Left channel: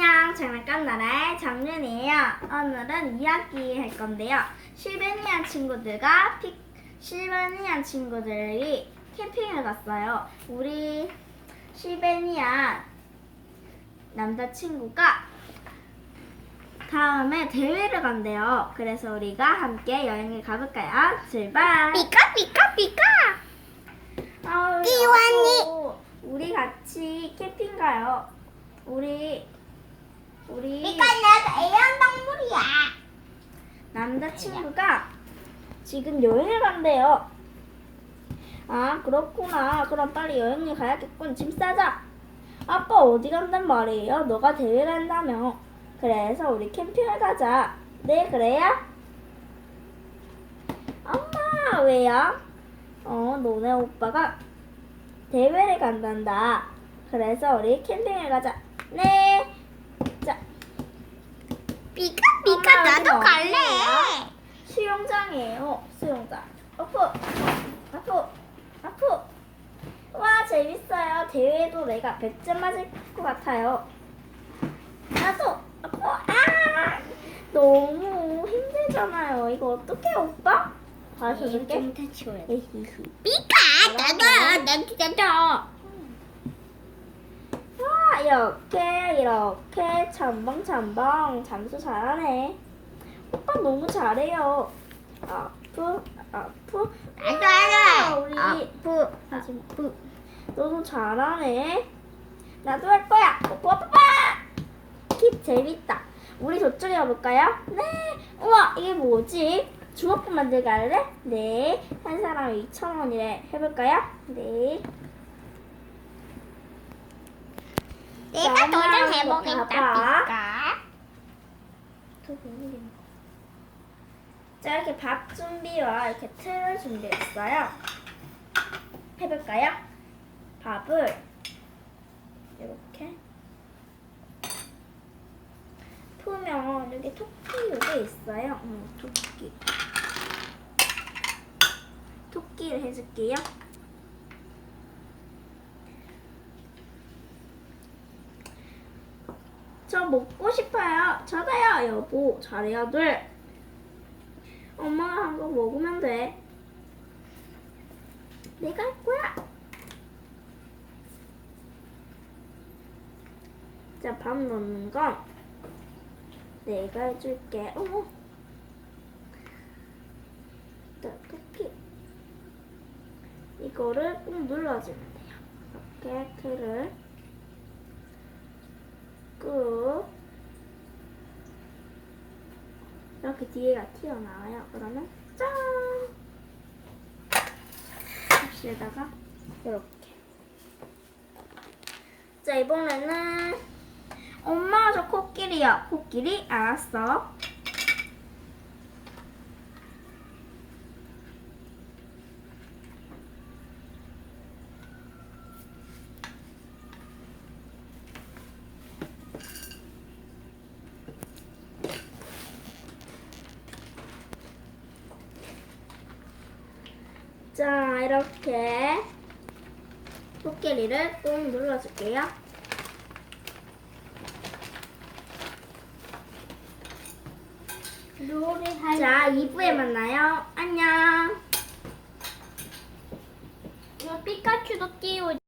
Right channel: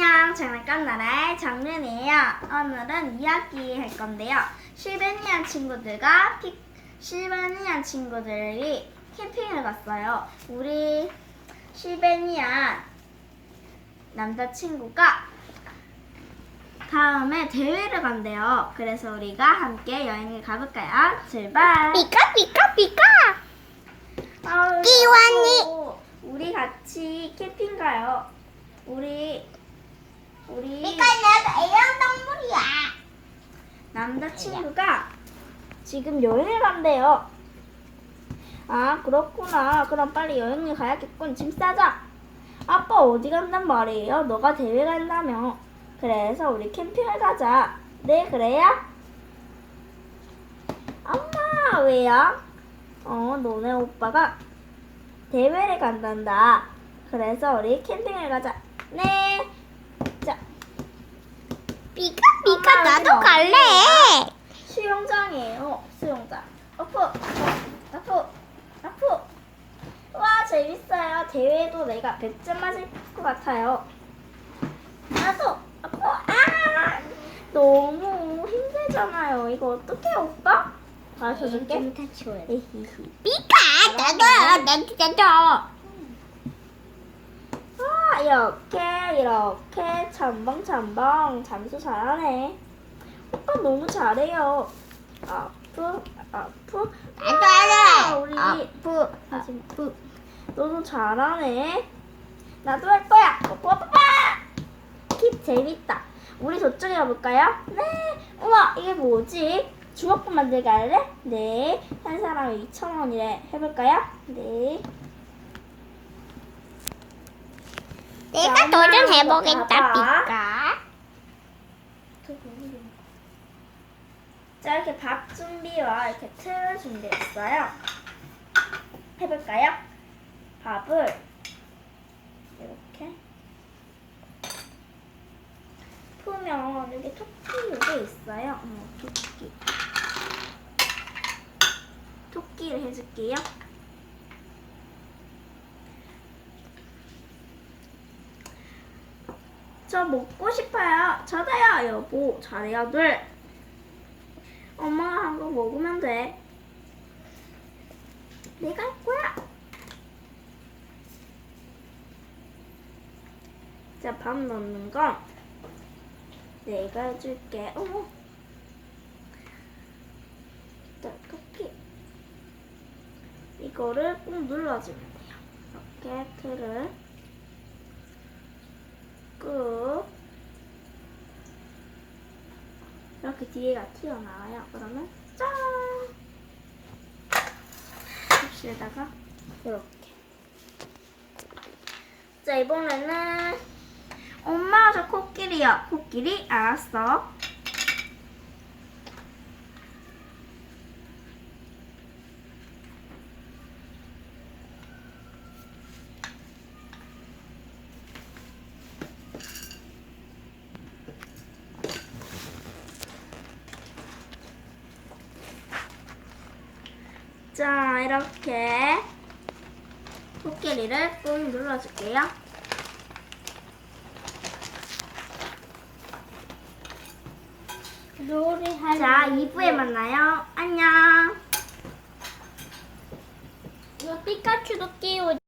안녕, 장난감 나라의 정윤이에요. 오늘은 이야기 할 건데요. 실베니안 친구들이 캠핑을 갔어요. 우리 실베니안 남자친구가 다음에 대회를 간대요. 그래서 우리가 함께 여행을 가볼까요? 출발! 피카 피카 피카. 아유, 끼완이. 여보, 우리 같이 캠핑 가요. 우리 피카 내가 애완동물이야. 남자친구가 지금 여행을 간대요. 아, 그렇구나. 그럼 빨리 여행을 가야겠군. 짐 싸자. 아빠 어디 간단 말이에요? 너가 대회 간다며. 그래서 우리 캠핑을 가자. 네, 그래요? 엄마, 왜요? 너네 오빠가 대회를 간단다. 그래서 우리 캠핑을 가자. 네. 자, 피카 피카 엄마, 나도 여기는 갈래. 어디예요? 수영장이에요. 수영장. 아프. 와, 재밌어요. 대회도 내가 100점 맞을 것 같아요. 나도 아프. 아, 너무 힘들잖아요. 이거 어떡해, 오빠? 가르쳐줄게. 에히히. 피카 나도. 아, 이렇게 첨벙첨벙 잠수 잘하네. 오빠 너무 잘해요. 아프. 아, 우리 하지마. 너도 잘하네. 나도 할 거야. 뽀뽀뽀. 킵 재밌다. 우리 저쪽에 가볼까요? 네. 우와, 이게 뭐지? 주먹밥 만들기 할래? 네. 한 사람에 2,000원이래. 해볼까요? 네. 내가 자, 엄마 도전해보겠다. 봐봐. 피카. 자, 이렇게 밥 준비와 이렇게 틀을 준비했어요. 해볼까요? 밥을 이렇게 풀면 여기 토끼 요게 있어요. 토끼를 해줄게요. 저 먹고 싶어요. 저도요, 여보. 잘해야 돼. 엄마가 한 거 먹으면 돼. 내가 할 거야. 자, 밥 넣는 건 내가 해줄게. 어머. 떡볶이. 이거를 꾹 눌러주면 돼요. 이렇게 틀을 꾹. 이렇게 뒤에가 튀어나와요. 그러면 짠! 접시에다가 이렇게. 자, 이번에는 엄마 저 코끼리요. 코끼리 알았어. 자, 이렇게 코끼리를 꾹 눌러줄게요. 자, 2부에 만나요. 안녕. 이거 피카츄도 끼워.